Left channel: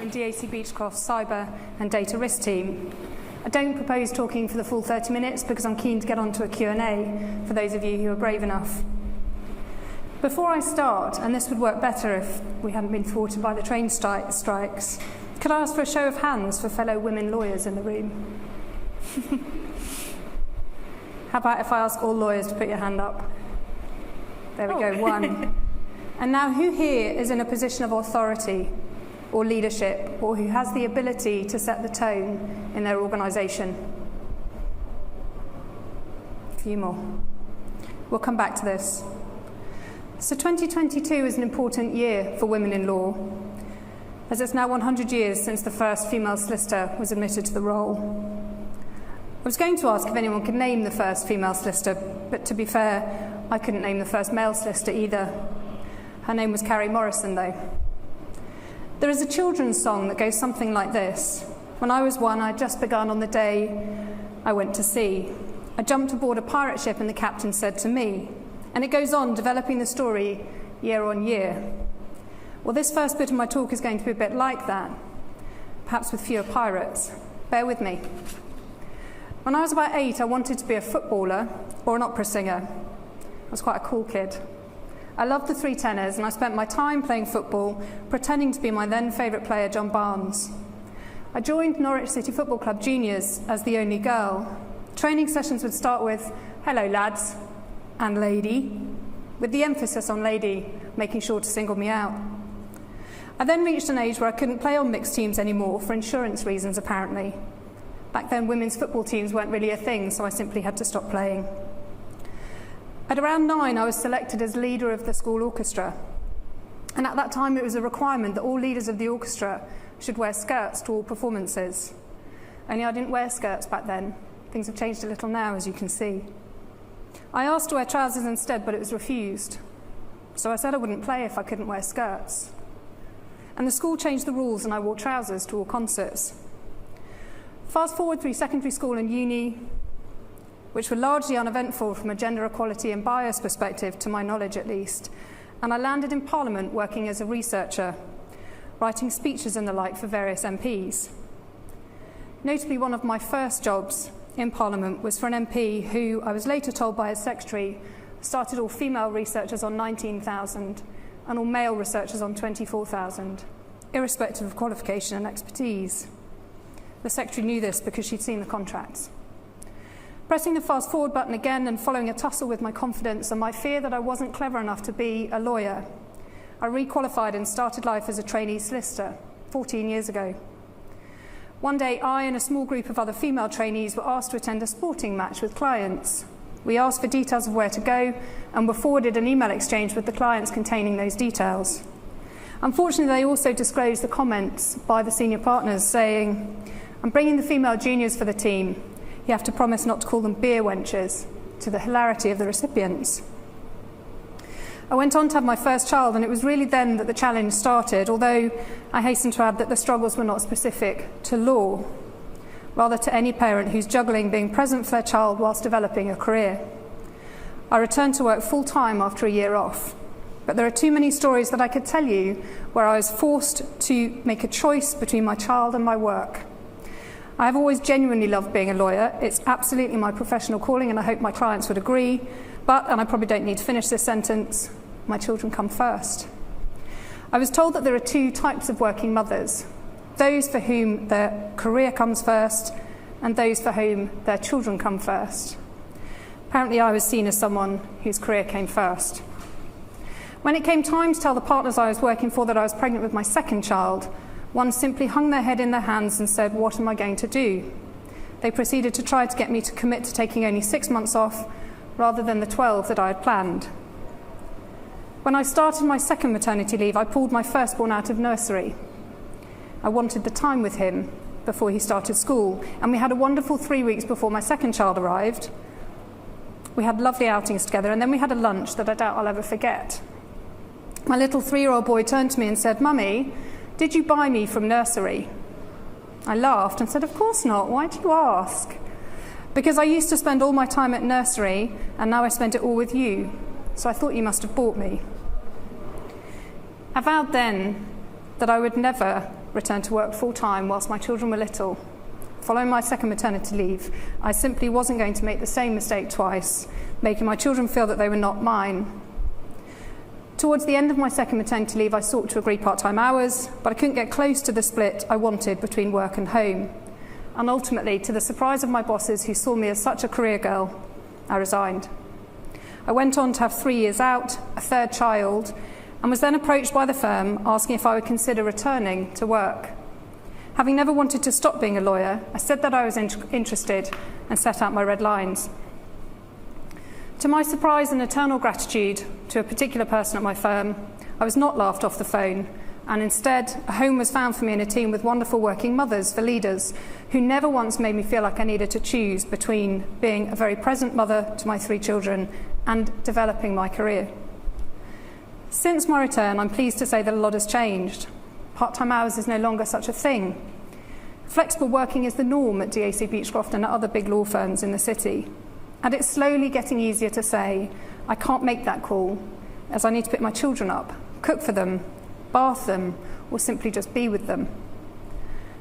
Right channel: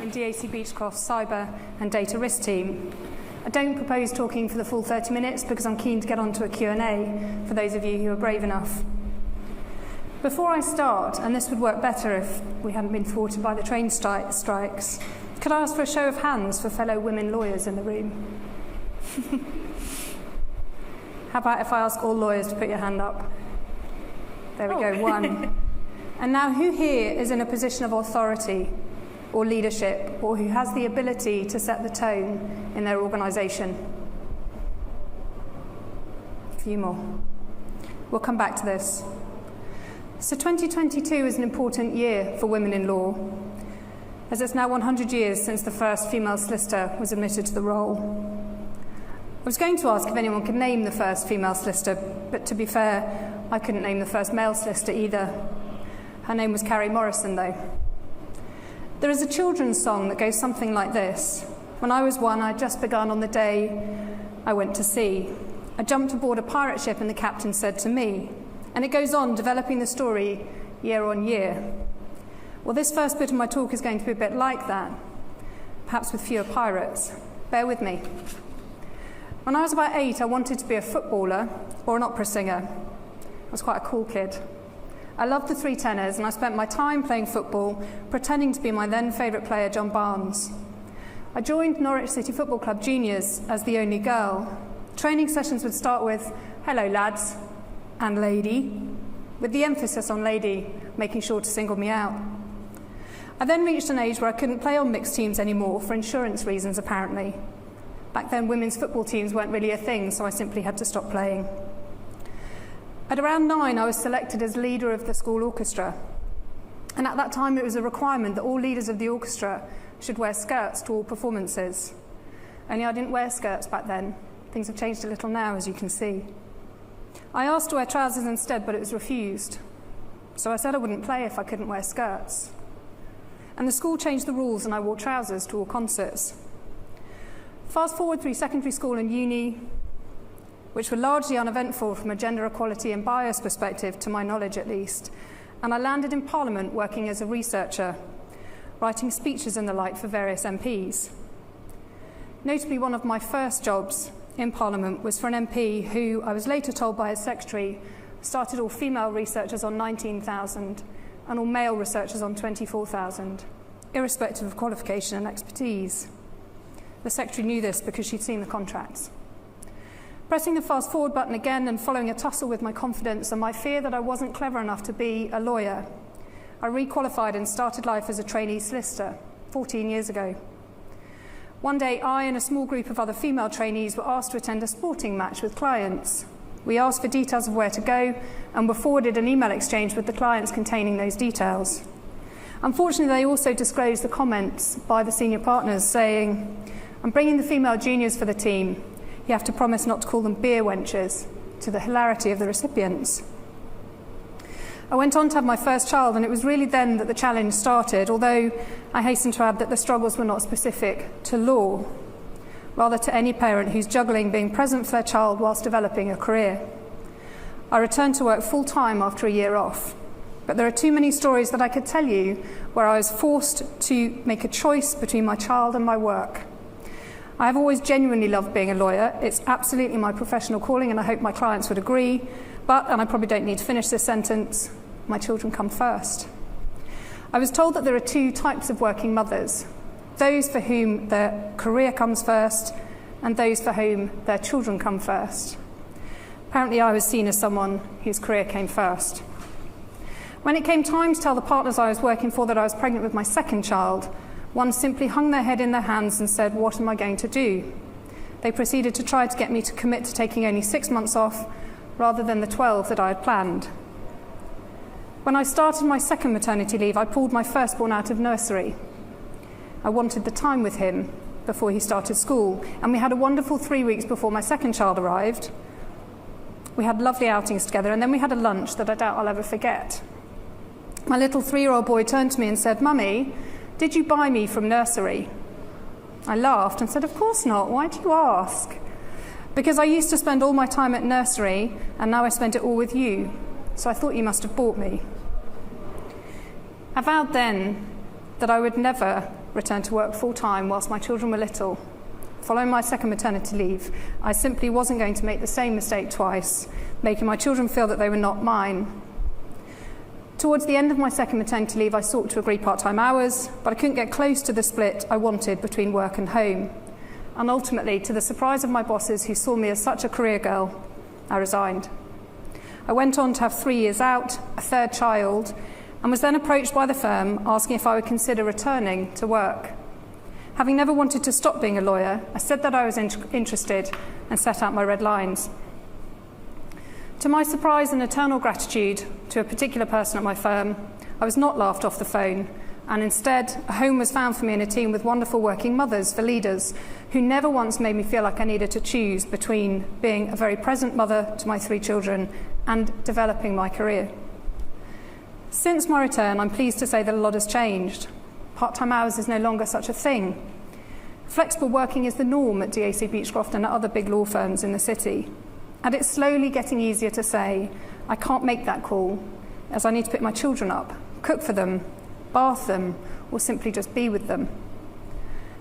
in DAC Beachcroft's cyber and data risk team. I don't propose talking for the full 30 minutes because I'm keen to get on to a Q&A for those of you who are brave enough. Before I start, and this would work better if we hadn't been thwarted by the train strikes, could I ask for a show of hands for fellow women lawyers in the room? How about if I ask all lawyers to put your hand up? There we go, one. And now, who here is in a position of authority or leadership, or who has the ability to set the tone in their organisation? A few more. We'll come back to this. So 2022 is an important year for women in law, as it's now 100 years since the first female solicitor was admitted to the role. I was going to ask if anyone could name the first female solicitor, but to be fair, I couldn't name the first male solicitor either. Her name was Carrie Morrison, though. There is a children's song that goes something like this. When I was one, I'd just begun on the day I went to sea. I jumped aboard a pirate ship and the captain said to me, and it goes on, developing the story year on year. Well, this first bit of my talk is going to be a bit like that, perhaps with fewer pirates. Bear with me. When I was about 8, I wanted to be a footballer or an opera singer. I was quite a cool kid. I loved the three tenors, and I spent my time playing football, pretending to be my then favourite player, John Barnes. I joined Norwich City Football Club Juniors as the only girl. Training sessions would start with, "Hello lads," and "lady," with the emphasis on lady, making sure to single me out. I then reached an age where I couldn't play on mixed teams anymore, for insurance reasons apparently. Back then, women's football teams weren't really a thing, so I simply had to stop playing. At around 9, I was selected as leader of the school orchestra. And at that time, it was a requirement that all leaders of the orchestra should wear skirts to all performances. Only I didn't wear skirts back then. Things have changed a little now, as you can see. I asked to wear trousers instead, but it was refused. So I said I wouldn't play if I couldn't wear skirts. And the school changed the rules, and I wore trousers to all concerts. Fast forward through secondary school and uni, which were largely uneventful from a gender equality and bias perspective, to my knowledge at least, and I landed in Parliament working as a researcher, writing speeches and the like for various MPs. Notably, one of my first jobs in Parliament was for an MP who, I was later told by his secretary, started all female researchers on 19,000 and all male researchers on 24,000, irrespective of qualification and expertise. The secretary knew this because she'd seen the contracts. Pressing the fast forward button again and following a tussle with my confidence and my fear that I wasn't clever enough to be a lawyer, I requalified and started life as a trainee solicitor 14 years ago. One day, I and a small group of other female trainees were asked to attend a sporting match with clients. We asked for details of where to go and were forwarded an email exchange with the clients containing those details. Unfortunately, they also disclosed the comments by the senior partners saying, "I'm bringing the female juniors for the team. You have to promise not to call them beer wenches," to the hilarity of the recipients. I went on to have my first child, and it was really then that the challenge started, although I hasten to add that the struggles were not specific to law, rather to any parent who's juggling being present for their child whilst developing a career. I returned to work full-time after a year off, but there are too many stories that I could tell you where I was forced to make a choice between my child and my work. I have always genuinely loved being a lawyer. It's absolutely my professional calling, and I hope my clients would agree. But, and I probably don't need to finish this sentence, my children come first. I was told that there are two types of working mothers: those for whom their career comes first, and those for whom their children come first. Apparently, I was seen as someone whose career came first. When it came time to tell the partners I was working for that I was pregnant with my second child, one simply hung their head in their hands and said, "What am I going to do?" They proceeded to try to get me to commit to taking only 6 months off rather than the 12 that I had planned. When I started my second maternity leave, I pulled my firstborn out of nursery. I wanted the time with him before he started school, and we had a wonderful 3 weeks before my second child arrived. We had lovely outings together, and then we had a lunch that I doubt I'll ever forget. My little 3-year-old boy turned to me and said, "Mummy, did you buy me from nursery?" I laughed and said, "Of course not. Why do you ask?" "Because I used to spend all my time at nursery, and now I spend it all with you. So I thought you must have bought me." I vowed then that I would never return to work full-time whilst my children were little. Following my second maternity leave, I simply wasn't going to make the same mistake twice, making my children feel that they were not mine. Towards the end of my second maternity leave, I sought to agree part-time hours, but I couldn't get close to the split I wanted between work and home. And ultimately, to the surprise of my bosses who saw me as such a career girl, I resigned. I went on to have 3 years out, a third child, and was then approached by the firm asking if I would consider returning to work. Having never wanted to stop being a lawyer, I said that I was interested and set out my red lines. To my surprise and eternal gratitude to a particular person at my firm, I was not laughed off the phone, and instead a home was found for me in a team with wonderful working mothers for leaders who never once made me feel like I needed to choose between being a very present mother to my 3 children and developing my career. Since my return, I'm pleased to say that a lot has changed. Part-time hours is no longer such a thing. Flexible working is the norm at DAC, Beachcroft and at other big law firms in the city. And it's slowly getting easier to say, I can't make that call, as I need to pick my children up, cook for them, bath them, or simply just be with them.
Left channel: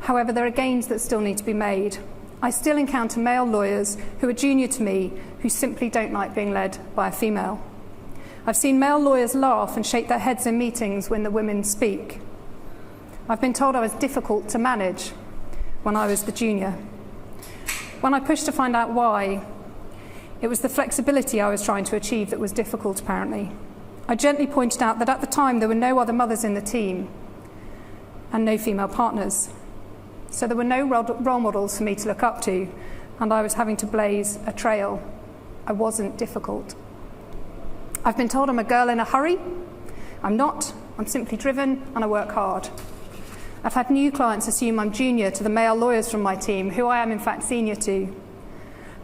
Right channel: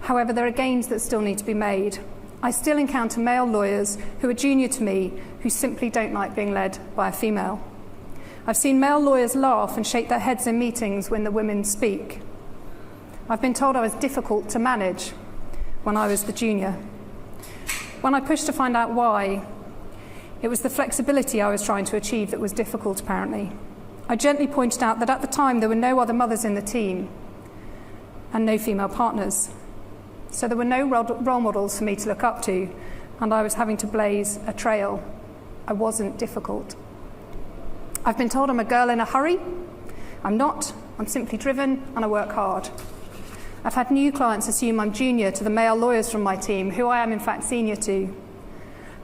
However, there are gains that still need to be made. I still encounter male lawyers who are junior to me who simply don't like being led by a female. I've seen male lawyers laugh and shake their heads in meetings when the women speak. I've been told I was difficult to manage when I was the junior. When I pushed to find out why, it was the flexibility I was trying to achieve that was difficult, apparently. I gently pointed out that at the time there were no other mothers in the team and no female partners. So there were no role models for me to look up to, and I was having to blaze a trail. I wasn't difficult. I've been told I'm a girl in a hurry. I'm not. I'm simply driven and I work hard. I've had new clients assume I'm junior to the male lawyers from my team, who I am in fact senior to.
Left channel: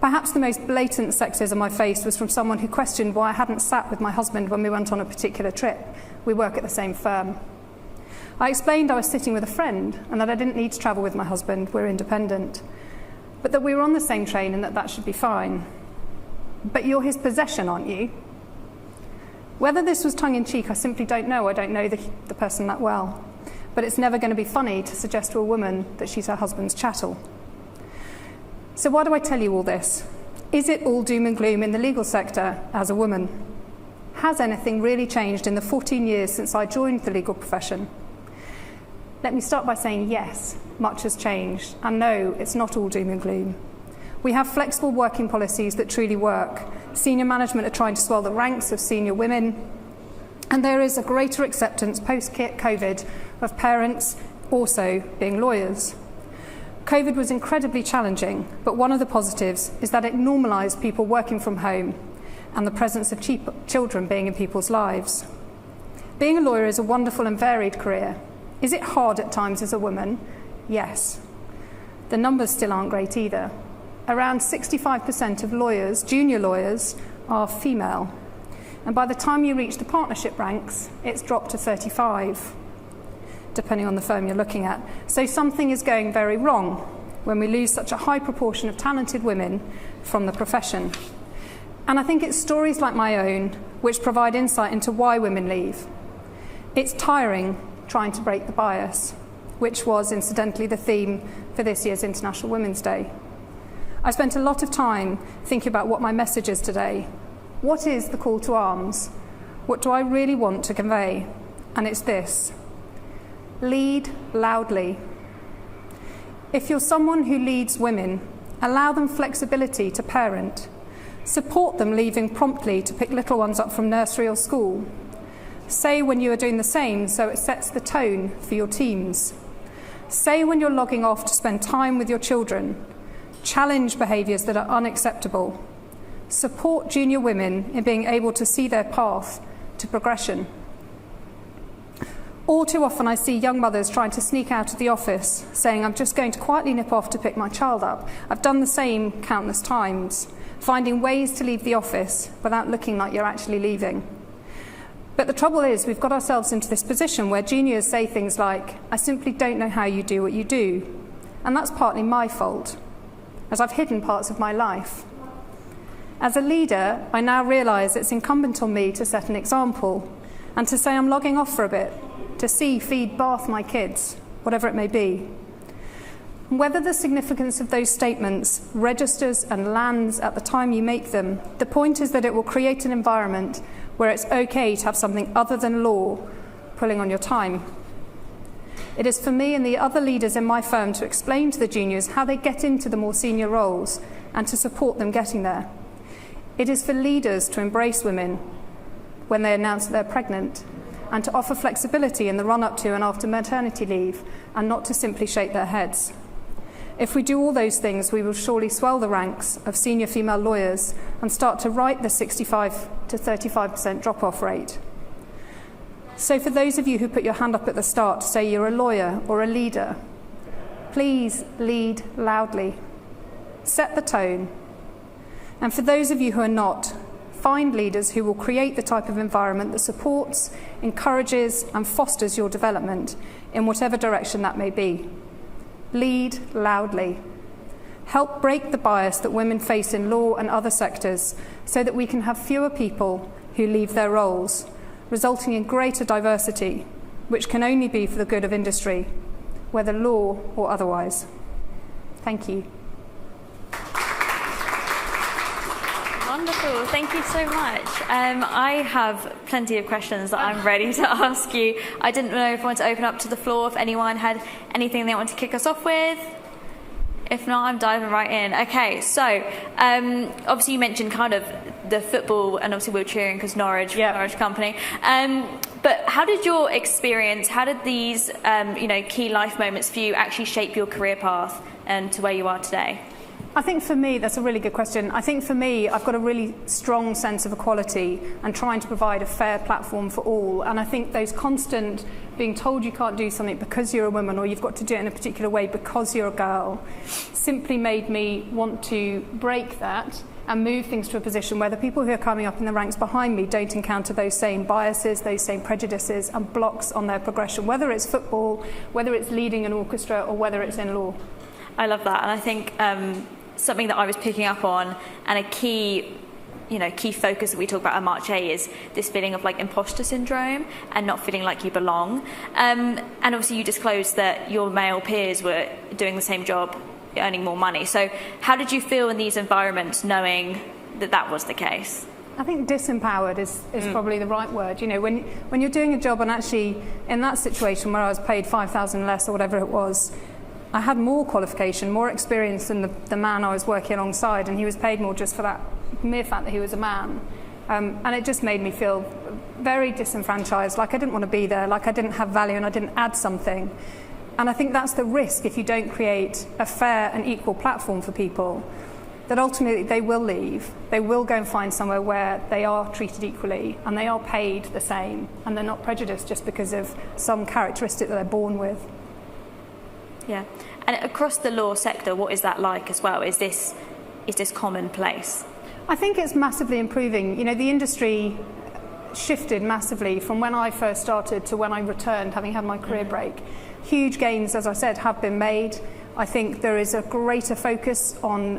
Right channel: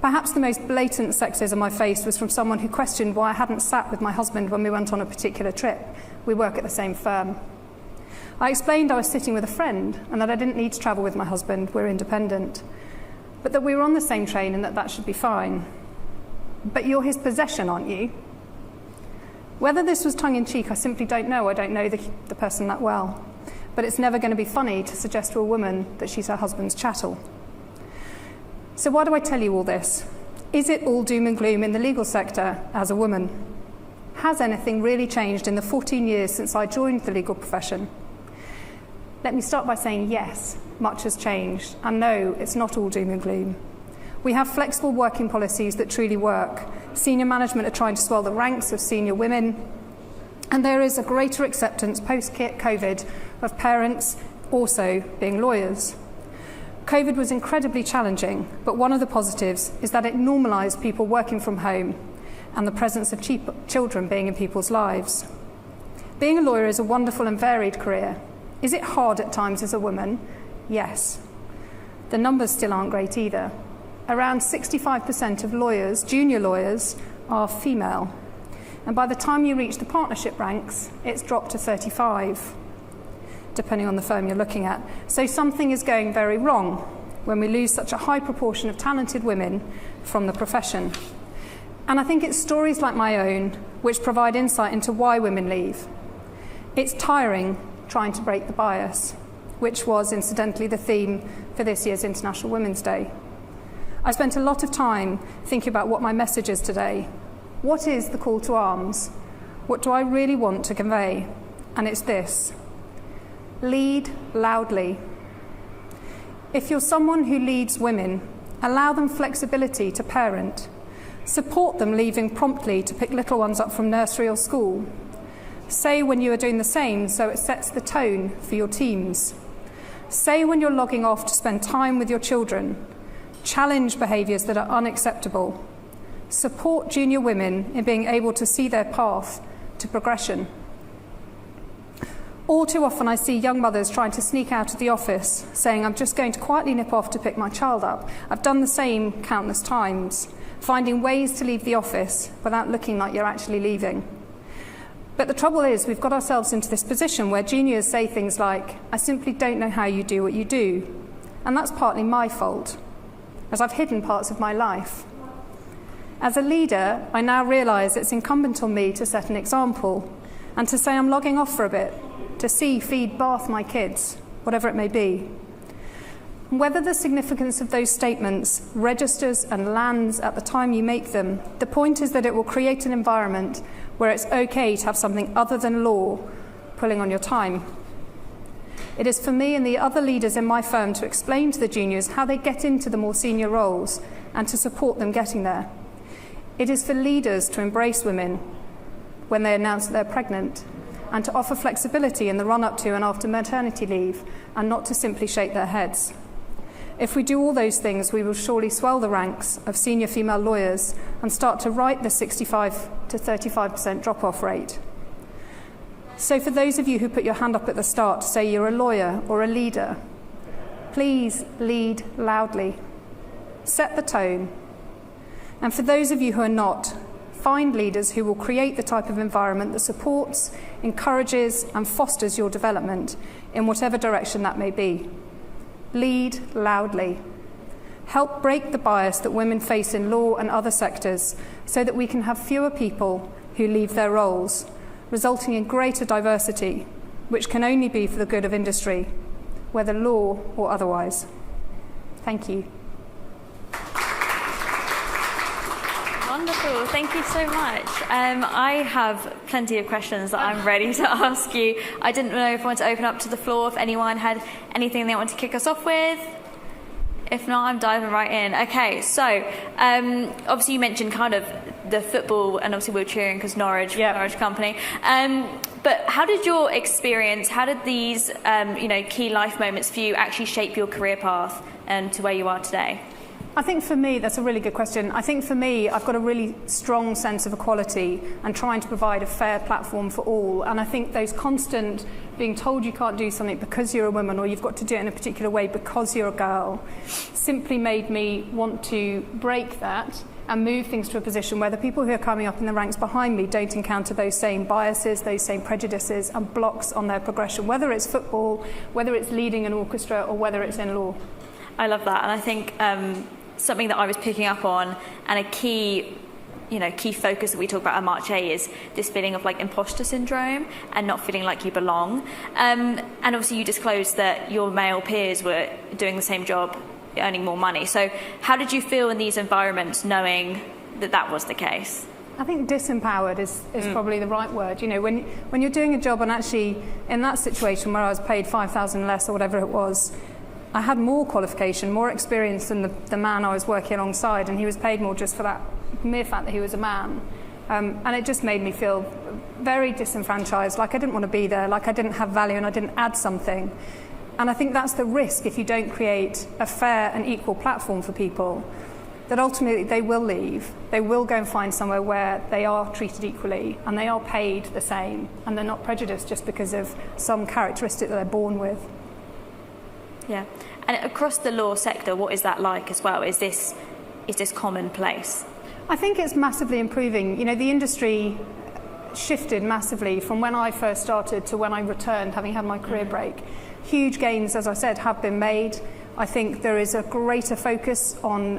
Perhaps the most blatant sexism I faced was from someone who questioned why I hadn't sat with my husband when we went on a particular trip. We work at the same firm. I explained I was sitting with a friend and that I didn't need to travel with my husband, we're independent, but that we were on the same train and that should be fine. But you're his possession, aren't you? Whether this was tongue-in-cheek, I simply don't know. I don't know the person that well. But it's never going to be funny to suggest to a woman that she's her husband's chattel. So why do I tell you all this? Is it all doom and gloom in the legal sector as a woman? Has anything really changed in the 14 years since I joined the legal profession? Let me start by saying yes, much has changed. And no, it's not all doom and gloom. We have flexible working policies that truly work. Senior management are trying to swell the ranks of senior women. And there is a greater acceptance post-COVID of parents also being lawyers. COVID was incredibly challenging, but one of the positives is that it normalised people working from home and the presence of children being in people's lives. Being a lawyer is a wonderful and varied career. Is it hard at times as a woman? Yes. The numbers still aren't great either. Around 65% of lawyers, junior lawyers, are female. And by the time you reach the partnership ranks, it's dropped to 35, depending on the firm you're looking at. So something is going very wrong when we lose such a high proportion of talented women from the profession. And I think it's stories like my own which provide insight into why women leave. It's tiring trying to break the bias, which was incidentally the theme for this year's International Women's Day. I spent a lot of time thinking about what my message is today. What is the call to arms? What do I really want to convey? And it's this: lead loudly. If you're someone who leads women, allow them flexibility to parent. Support them leaving promptly to pick little ones up from nursery or school. Say when you are doing the same so it sets the tone for your teams. Say when you're logging off to spend time with your children. Challenge behaviours that are unacceptable. Support junior women in being able to see their path to progression. All too often I see young mothers trying to sneak out of the office, saying, I'm just going to quietly nip off to pick my child up. I've done the same countless times, finding ways to leave the office without looking like you're actually leaving. But the trouble is, we've got ourselves into this position where juniors say things like, I simply don't know how you do what you do. And that's partly my fault, as I've hidden parts of my life. As a leader, I now realise it's incumbent on me to set an example, and to say I'm logging off for a bit, to see, feed, bath my kids, whatever it may be. Whether the significance of those statements registers and lands at the time you make them, the point is that it will create an environment where it's okay to have something other than law pulling on your time. It is for me and the other leaders in my firm to explain to the juniors how they get into the more senior roles and to support them getting there. It is for leaders to embrace women when they announce that they're pregnant and to offer flexibility in the run-up to and after maternity leave and not to simply shake their heads. If we do all those things, we will surely swell the ranks of senior female lawyers and start to right the 65 to 35% drop-off rate. So for those of you who put your hand up at the start to say you're a lawyer or a leader, please lead loudly. Set the tone. And for those of you who are not, find leaders who will create the type of environment that supports, encourages and fosters your development in whatever direction that may be. Lead loudly. Help break the bias that women face in law and other sectors so that we can have fewer people who leave their roles, resulting in greater diversity, which can only be for the good of industry, whether law or otherwise. Thank you. Wonderful, thank you so much. I have plenty of questions that I'm ready to ask you. I didn't know if I wanted to open up to the floor, if anyone had anything they wanted to kick us off with. If not, I'm diving right in. Okay, so obviously you mentioned kind of the football, and obviously we're cheering because Norwich, Norwich company. But how did your experience, how did these key life moments for you actually shape your career path and to where you are today? I think for me, that's a really good question. I think for me, I've got a really strong sense of equality and trying to provide a fair platform for all. And I think those constant being told you can't do something because you're a woman or you've got to do it in a particular way because you're a girl simply made me want to break that and move things to a position where the people who are coming up in the ranks behind me don't encounter those same biases, those same prejudices and blocks on their progression, whether it's football, whether it's leading an orchestra or whether it's in law. I love that, and I think something that I was picking up on, and a key focus that we talk about at March A is this feeling of like imposter syndrome and not feeling like you belong. And obviously you disclosed that your male peers were doing the same job, earning more money. So how did you feel in these environments knowing that that was the case? I think disempowered is probably the right word. You know, when you're doing a job, and actually in that situation where I was paid 5,000 less or whatever it was, I had more qualification, more experience than the man I was working alongside, and he was paid more just for that mere fact that he was a man. And it just made me feel very disenfranchised, like I didn't want to be there, like I didn't have value and I didn't add something. And I think that's the risk if you don't create a fair and equal platform for people, that ultimately they will leave. They will go and find somewhere where they are treated equally and they are paid the same and they're not prejudiced just because of some characteristic that they're born with. Yeah, and across the law sector, what is that like as well? Is this commonplace? I think it's massively improving. You know, the industry shifted massively from when I first started to when I returned, having had my career break. Huge gains, as I said, have been made. I think there is a greater focus on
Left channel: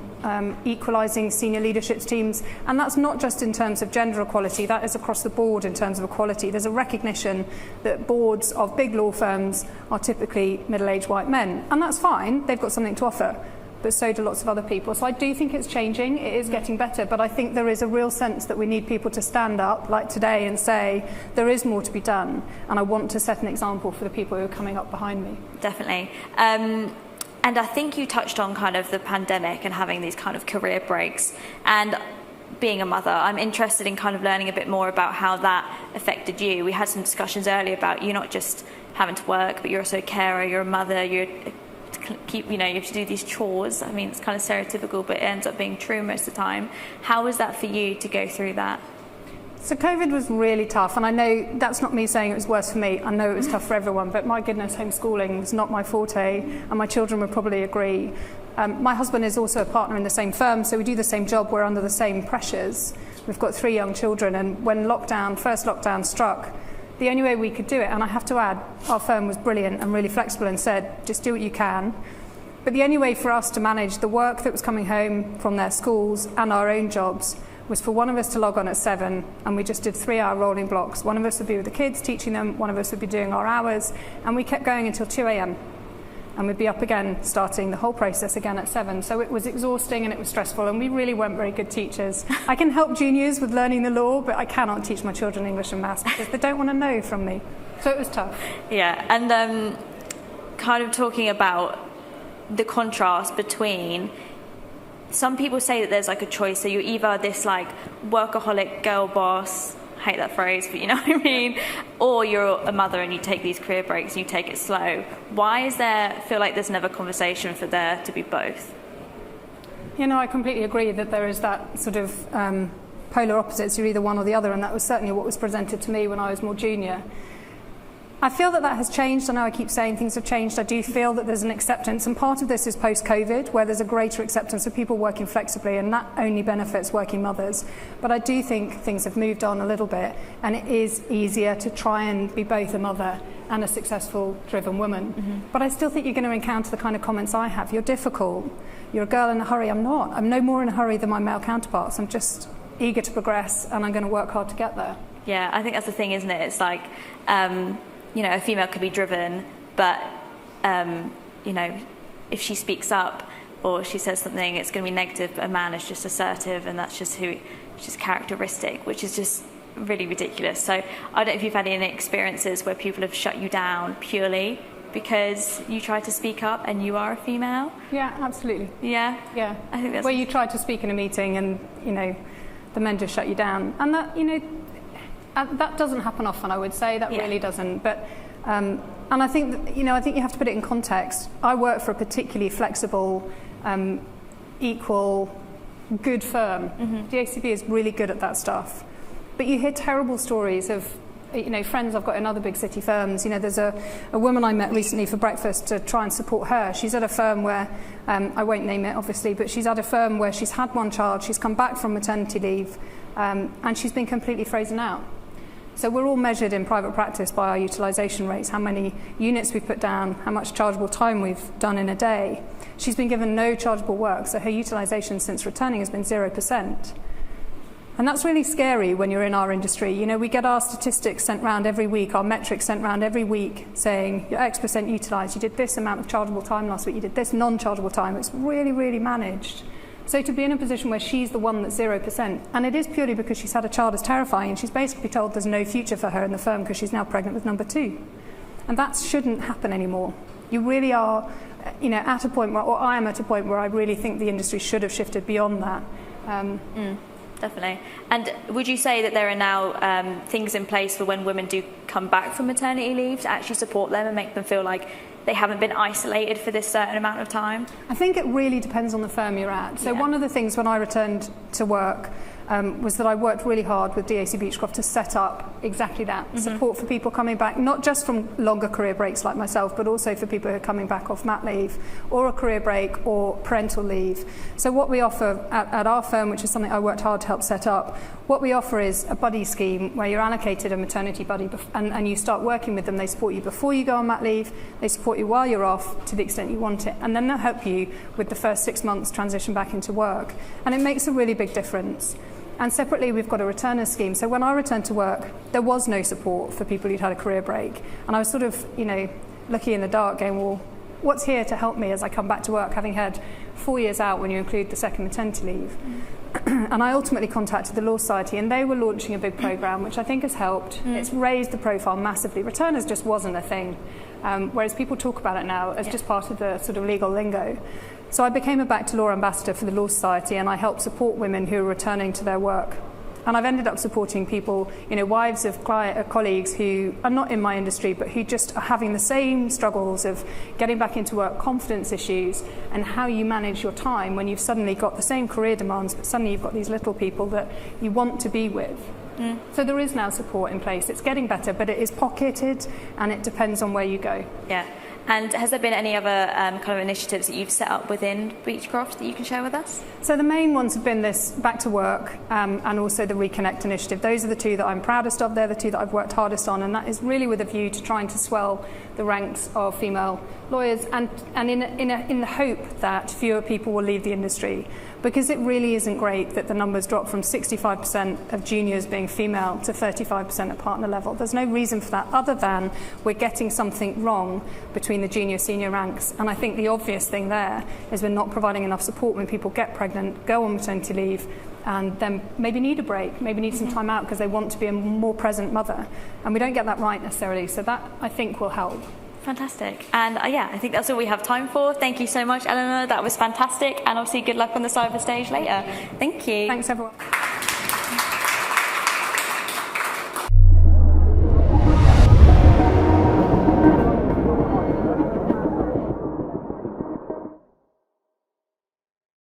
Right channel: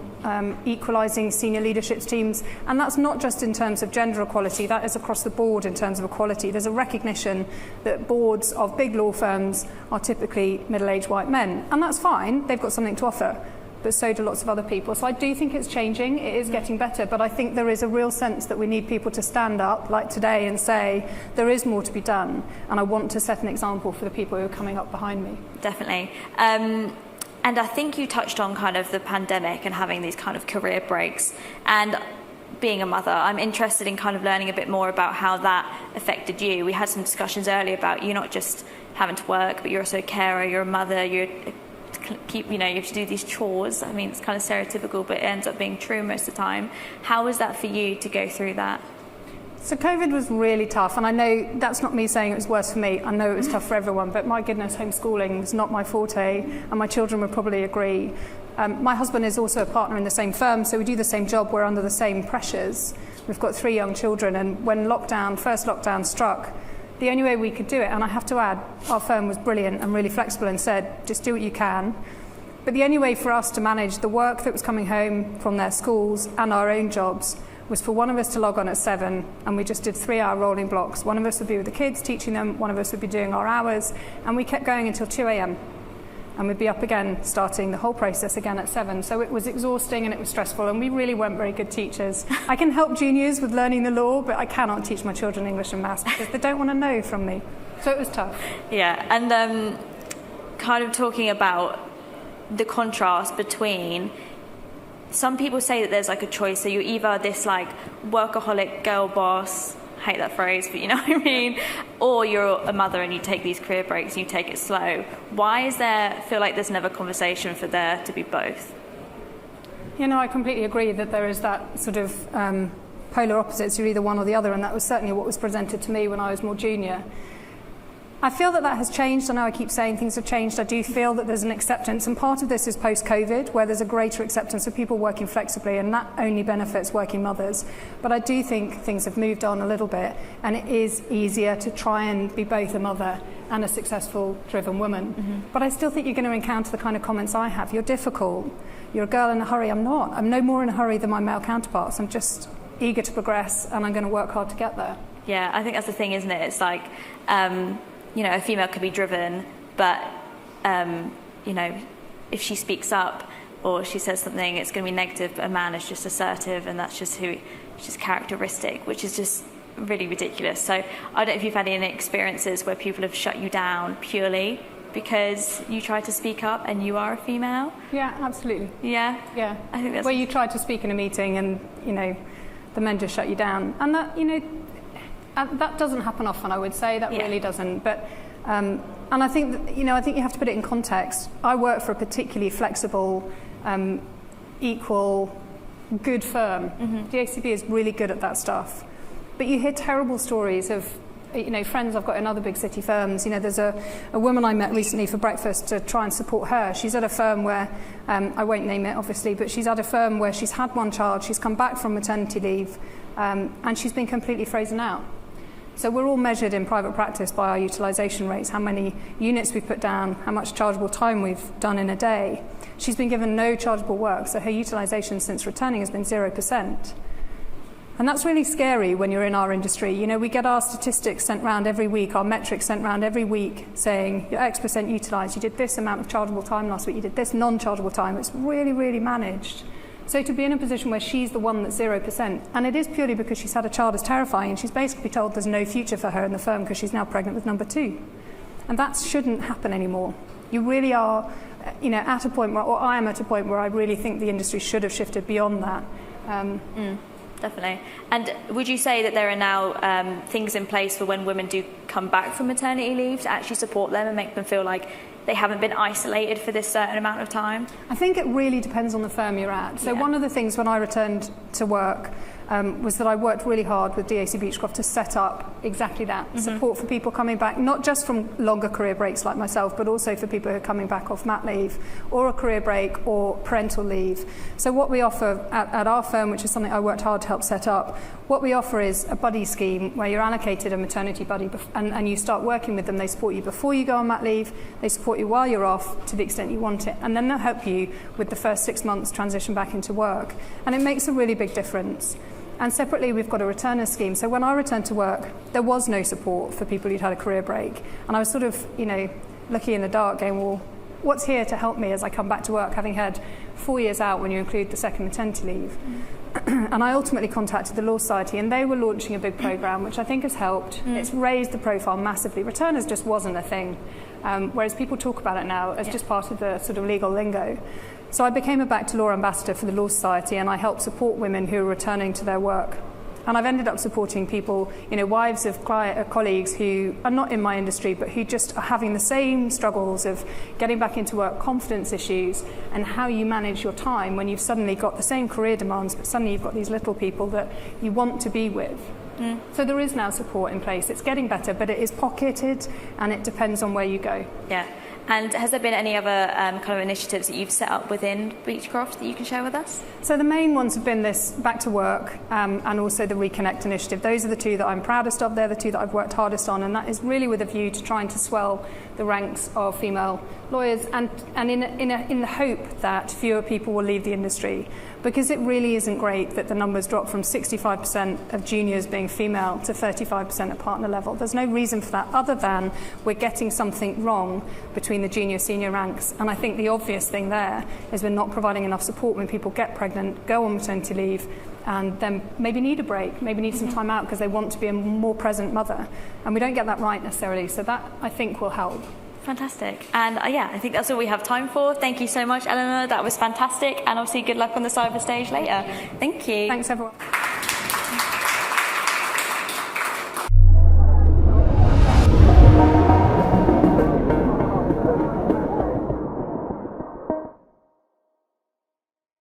equalising senior leadership teams, and that's not just in terms of gender equality, that is across the board in terms of equality. There's a recognition that boards of big law firms are typically middle-aged white men, and that's fine, they've got something to offer, but so do lots of other people. So I do think it's changing, it is getting better, but I think there is a real sense that we need people to stand up, like today, and say, there is more to be done, and I want to set an example for the people who are coming up behind me. Definitely. And I think you touched on kind of the pandemic and having these kind of career breaks. And being a mother, I'm interested in kind of learning a bit more about how that affected you. We had some discussions earlier about you not just having to work, but you're also a carer, you're a mother, you have to do these chores. I mean, it's kind of stereotypical, but it ends up being true most of the time. How was that for you to go through that? So COVID was really tough, and I know that's not me saying it was worse for me. I know it was tough for everyone, but my goodness, homeschooling is not my forte, and my children would probably agree. My husband is also a partner in the same firm, so we do the same job. We're under the same pressures. We've got 3 young children, and when first lockdown struck, the only way we could do it, and I have to add, our firm was brilliant and really flexible and said, just do what you can. But the only way for us to manage the work that was coming home from their schools and our own jobs was for one of us to log on at 7, and we just did 3-hour rolling blocks. One of us would be with the kids teaching them, one of us would be doing our hours, and we kept going until 2 a.m. and we'd be up again starting the whole process again at 7. So it was exhausting and it was stressful, and we really weren't very good teachers. I can help juniors with learning the law, but I cannot teach my children English and maths because they don't want to know from me. So it was tough. Yeah, and kind of talking about the contrast between, some people say that there's like a choice, so you're either this like workaholic girl boss, I hate that phrase, but you know what I mean, or you're a mother and you take these career breaks and you take it slow. Why is there, feel like there's never conversation for there to be both? You know, I completely agree that there is that sort of polar opposites, you're either one or the other, and that was certainly what was presented to me when I was more junior. I feel that has changed. I know I keep saying things have changed. I do feel that there's an acceptance, and part of this is post-COVID, where there's a greater acceptance of people working flexibly, and that only benefits working mothers. But I do think things have moved on a little bit, and it is easier to try and be both a mother and a successful, driven woman. Mm-hmm. But I still think you're going to encounter the kind of comments I have. You're difficult. You're a girl in a hurry. I'm not. I'm no more in a hurry than my male counterparts. I'm just eager to progress, and I'm going to work hard to get there. Yeah, I think that's the thing, isn't it? It's like, you know, a female could be driven, but, you know, if she speaks up or she says something, it's going to be negative, but a man is just assertive, and that's just just characteristic, which is just really ridiculous. So I don't know if you've had any experiences where people have shut you down purely because you try to speak up and you are a female. Yeah, absolutely. Yeah? Yeah. I think that's... Where you try to speak in a meeting and, you know, the men just shut you down. And that, you know, that doesn't happen often, I would say. That really doesn't. But and I think that, you know, I think you have to put it in context. I work for a particularly flexible, equal, good firm. Mm-hmm. DACB is really good at that stuff. But you hear terrible stories of, you know, friends I've got in other big city firms. You know, there's a woman I met recently for breakfast to try and support her. She's at a firm where, I won't name it obviously, but she's at a firm where she's had one child, she's come back from maternity leave, and she's been completely frozen out. So we're all measured in private practice by our utilisation rates, how many units we put down, how much chargeable time we've done in a day. She's been given no chargeable work, so her utilisation since returning has been 0%. And that's really scary when you're in our industry. You know, we get our statistics sent round every week, our metrics sent round every week, saying you're X% utilised, you did this amount of chargeable time last week, you did this non-chargeable time. It's really, really managed. So to be in a position where she's the one that's 0%, and it is purely because she's had a child, is terrifying, and she's basically told there's no future for her in the firm because she's now pregnant with number 2. And that shouldn't happen anymore. You really are, you know, at a point where, or I am at a point where I really think the industry should have shifted beyond that. Definitely. And would you say that there are now things in place for when women do come back from maternity leave to actually support them and make them feel like they haven't been isolated for this certain amount of time? I think it really depends on the firm you're at. So one of the things when I returned to work was that I worked really hard with DAC Beachcroft to set up exactly that, support for people coming back, not just from longer career breaks like myself, but also for people who are coming back off mat leave or a career break or parental leave. So what we offer at our firm, which is something I worked hard to help set up, what we offer is a buddy scheme where you're allocated a maternity buddy and you start working with them. They support you before you go on mat leave, they support you while you're off to the extent you want it, and then they'll help you with the first 6 months transition back into work. And it makes a really big difference. And separately, we've got a returner scheme. So when I returned to work, there was no support for people who'd had a career break. And I was sort of, you know, looking in the dark going, well, what's here to help me as I come back to work, having had 4 years out when you include the second maternity leave? And I ultimately contacted the Law Society, and they were launching a big programme, which I think has helped. It's raised the profile massively. Returners just wasn't a thing, whereas people talk about it now as just part of the sort of legal lingo. So I became a Back to Law ambassador for the Law Society, and I helped support women who are returning to their work. And I've ended up supporting people, you know, wives of colleagues who are not in my industry, but who just are having the same struggles of getting back into work, confidence issues, and how you manage your time when you've suddenly got the same career demands, but suddenly you've got these little people that you want to be with. So there is now support in place. It's getting better, but it is pocketed, and it depends on where you go. Yeah. And has there been any other kind of initiatives that you've set up within Beachcroft that you can share with us? So the main ones have been this Back to Work and also the Reconnect initiative. Those are the two that I'm proudest of. They're the two that I've worked hardest on, and that is really with a view to trying to swell the ranks of female lawyers and in the hope that fewer people will leave the industry, because it really isn't great that the numbers drop from 65% of juniors being female to 35% at partner level. There's no reason for that other than we're getting something wrong between the junior-senior ranks, and I think the obvious thing there is we're not providing enough support when people get pregnant, go on maternity leave, and then maybe need a break, maybe need some time out because they want to be a more present mother. And we don't get that right necessarily, so that, I think, will help. Fantastic. And yeah, I think that's all we have time for. Thank you so much, Eleanor. That was fantastic. And obviously, good luck on the cyber stage later. Thank you. Thanks, everyone.